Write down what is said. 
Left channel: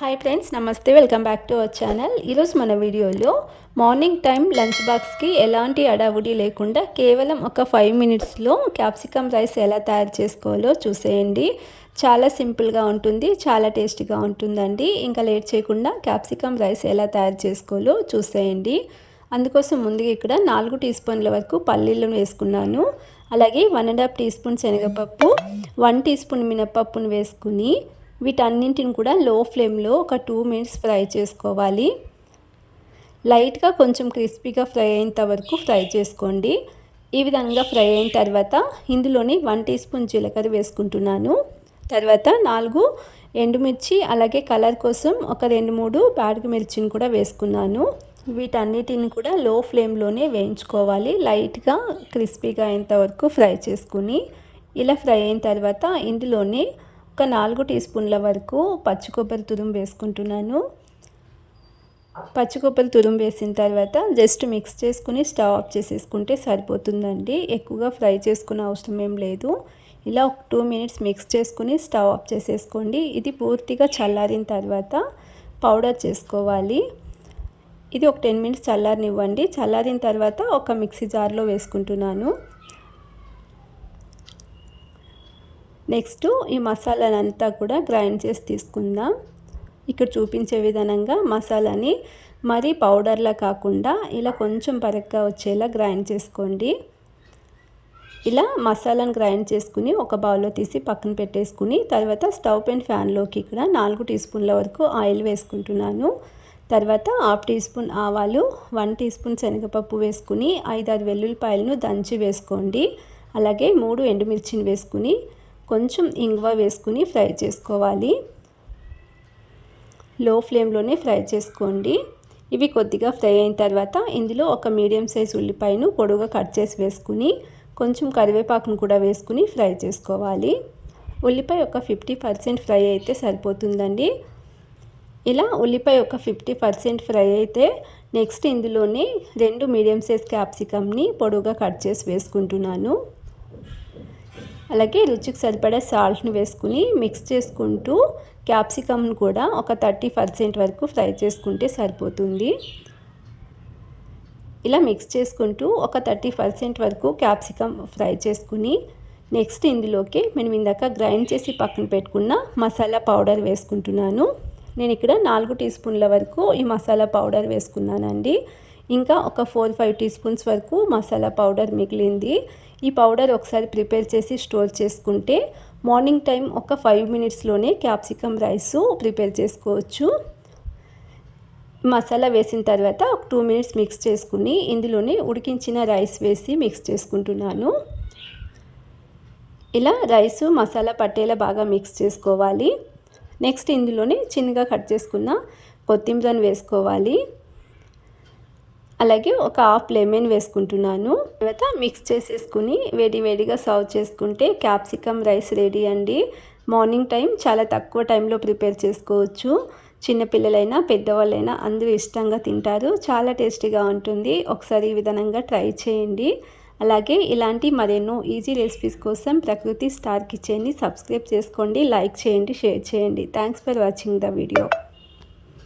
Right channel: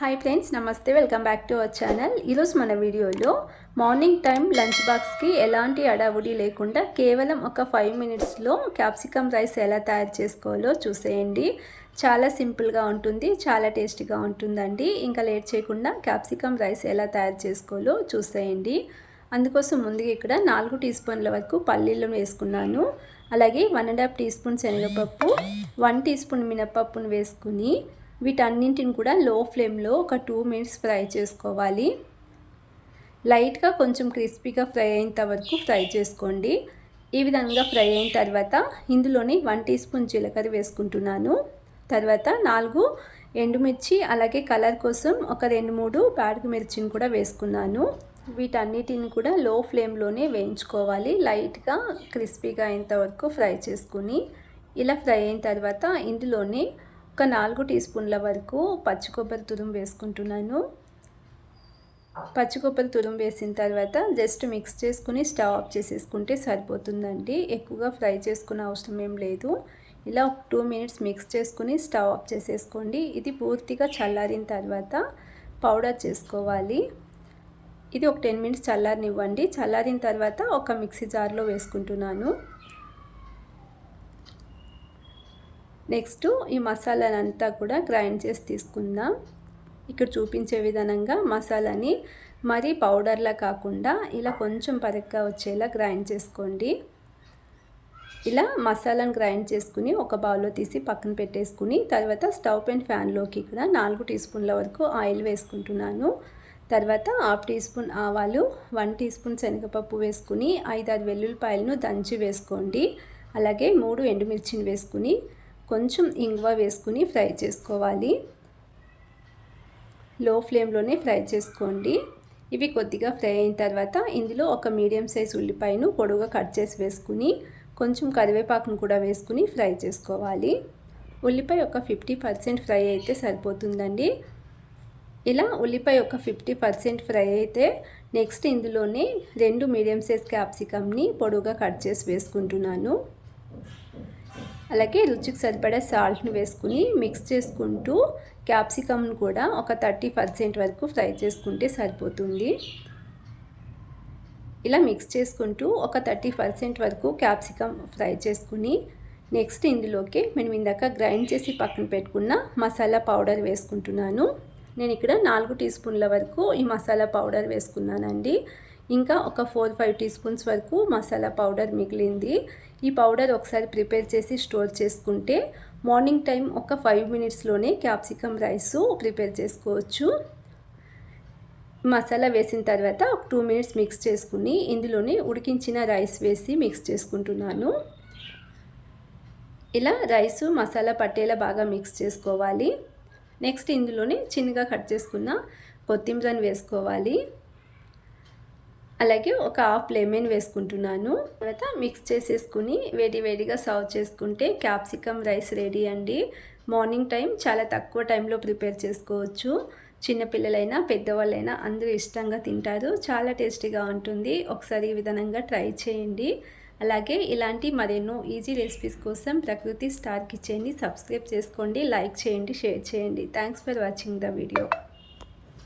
Hi friends నమస్తే welcome back to our channel ఈరోజు మన వీడియోలో మార్నింగ్ టైం లంచ్ బాక్స్కి ఎలాంటి అడావుడి లేకుండా కేవలం ఒక ఫైవ్ మినిట్స్లో క్యాప్సికమ్ రైస్ ఎలా తయారు చేసుకోవాలో చూసేయండి. చాలా సింపుల్గా ఉంటుంది చాలా టేస్టీగా ఉంటుందండి. ఇంకా లేట్ చేయకుండా క్యాప్సికమ్ రైస్ ఎలా తయారు చేసుకోవాలో చూసేయండి. అందుకోసం ముందుగా ఇక్కడ నాలుగు టీ స్పూన్ల వరకు పల్లీలను వేసుకున్నాను. అలాగే one and half teaspoon శనగపప్పు వన్ టీ స్పూన్ మినపప్పును వేసుకుని వీటన్నింటిని కూడా లో ఫ్లేమ్లో ఒక టూ మినిట్స్ ఫ్రై చేసుకోవాలి. లైట్గా కొంచెం క్రిస్పీగా ఫ్రై అయ్యేంత వరకు ఫ్రై చేసుకోండి. ఈ విధంగా ఫ్రై అయిన తర్వాత ఇందులోని వన్ టీ స్పూన్ జీలకర్ర వేసుకుంటున్నాను. తర్వాత నాలుగు ఎండుమిర్చి అలాగే కలర్ కోసం ఒక రెండు మూడు బ్యాడ్ మిర్చిని కూడా వేసుకున్నాను. వీటన్నిటిని కూడా లో ఫ్లేమ్లోనే వేయించుకోవాలి. లైట్గా క్రిస్పీగా అయ్యేంత వరకు ఫ్రై చేసుకుని ఇలా ఫ్రై అయిన తర్వాత ఇందులోనే ఒక నాలుగు టీ స్పూన్ల వరకు పచ్చి కొబ్బరి తురుము వేసుకుంటున్నాను. పచ్చి కొబ్బరి తురుము వేసిన తర్వాత జస్ట్ మిక్స్ చేసుకుని స్టవ్ ఆఫ్ చేసేసుకుంటే సరిపోతుందండి. ఎక్కువగా ఫ్రై చేసుకునే అవసరం ఏం లేదు. ఇలా ఒక టూ మినిట్స్ మిక్స్ చేసుకుని స్టవ్ ఆఫ్ చేసేసుకోండి. ఇది పూర్తిగా చల్లారిన తర్వాత పౌడర్ చేసుకోవాలి. ఇది ఒక టెన్ మినిట్స్ చల్లారనివ్వండి. చల్లారిన తర్వాత ఒక మిక్సీ జార్లో వేసుకుంటున్నాను. నెక్స్ట్ ఈ మసాలాలంతా కూడా గ్రైండ్ చేసి తీసుకుందాం. ఇక్కడ చూపించే విధానంగా మసాలాని మరీ పౌడర్లా కాకుండా ఇలా కొంచెం పరగ్గా వచ్చేలా గ్రైండ్ చేసుకోండి. ఇలా మసాలాను గ్రైండ్ చేసుకుని ఒక బౌల్లో తీసి పక్కన పెట్టేసుకుని తర్వాత స్టవ్ పెన్ ఫ్యాన్లోకి ఇక్కడ నాలుగు టీ స్పూన్ల వరకు ఆయిల్ వేసుకుంటున్నాను. తర్వాత హాఫ్ టీ స్పూన్ ఆవాలు వన్ టీ స్పూన్ శనగపప్పు వేసుకుని ఐదారు వెల్లుల్లిపాయలను దంచి వేసుకోండి. అలాగే మూడు ఎండుమిర్చిని వేసుకుని కొంచెం ఇంగువ వేసుకుని ఫ్రై చేసుకోవాలి. లో ఫ్లేమ్లోనే ఫ్రై చేసుకోండి. ఇవి కొద్దిగా ఫ్రై అయిన తర్వాత ఇందులో ఒక మీడియం సైజ్ ఉల్లిపాయను పొడవుగా కట్ చేసి వేసుకుని కొంచెం కరివేపాకును కూడా వేసుకుని ఫ్రై చేసుకోవాలి. ఉల్లిపాయ ఒక ఫిఫ్టీ పర్సెంట్ ఫ్రై అయితే సరిపోతుందండి. ఇలా ఉల్లిపాయ ఒక ఫిఫ్టీ పర్సెంట్ ఫ్రై అయితే నెక్స్ట్ ఇందులోనే రెండు మీడియం సైజ్ క్యాప్సికమ్ని పొడవుగా కట్ చేసి వేసుకుంటున్నాను. అలాగే రుచికి సరిపడే సాల్ట్ని వేసుకుని మిక్స్ చేసుకుంటూ క్యాప్సికమ్ను కూడా ఒక థర్టీ పర్సెంట్ వరకు ఫ్రై చేసుకుంటే సరిపోతుంది. ఇలా మిక్స్ చేసుకుంటూ ఒక థర్టీ పర్సెంట్ వరకు క్యాప్సికమ్ ఫ్రై చేసుకుని నెక్స్ట్ ఇందులోకి మేము ఇందాక గ్రైండ్ చేసి పక్కన పెట్టుకున్న మసాలా పౌడర్ వేసుకుంటున్నాను. నేను ఇక్కడ నాలుగు టీ స్పూన్ల వరకు ఈ మసాలా పౌడర్ వేసుకున్నానండి. ఇంకా ఒక ఫోర్ ఫైవ్ టీ స్పూన్స్ వరకు మసాలా పౌడర్ మిగిలింది. ఈ పౌడర్ ఒకసారి ప్రిపేర్ చేసి స్టోర్ చేసుకుంటే మార్నింగ్ టైం ఒక ఫైవ్ మినిట్స్లోనే క్యాప్సికమ్ రైస్ ప్రిపేర్ చేసుకోవచ్చు. మసాలా వేసిన తర్వాత ఒక టూ మినిట్స్ మిక్స్ చేసుకుని ఇందులోనే ఉడికించిన రైస్ వేసి మిక్స్ చేసుకుంటున్నాను. ఇలా రైసు మసాలా పట్టేలా బాగా మిక్స్ చేసుకోవాలి. నెక్స్ట్ ఇందులోనే చిన్నగా కట్ చేసుకున్న కొత్తిమీరని వేసుకోవాలి. అలాగే ఒక హాఫ్ లెమన్ వేసుకుంటున్నాను. తర్వాత మిక్స్ చేసేసుకుని వేడి వేడిగా సర్వ్ చేసుకుంటే క్యాప్సికమ్ రైస్ రెడీ అండి. మార్నింగ్ టైం చాలా తక్కువ టైంలో ప్రిపేర్ చేసుకోవచ్చు. చిన్నపిల్లలైనా పెద్దవాళ్ళైనా అందరూ ఇష్టంగా తింటారు. చాలా టేస్టీగా ఉంటుంది. ఒకసారి ఈ విధానంగా ట్రై చేయండి. అలాగే ఇలాంటి మరెన్నో ఈజీ రెసిపీస్ కోసం ప్రకృతి స్టార్ కిచెన్ని సబ్స్క్రైబ్ చేసుకోండి లైక్ చేయండి షేర్ చేయండి. Thanks for watching the video.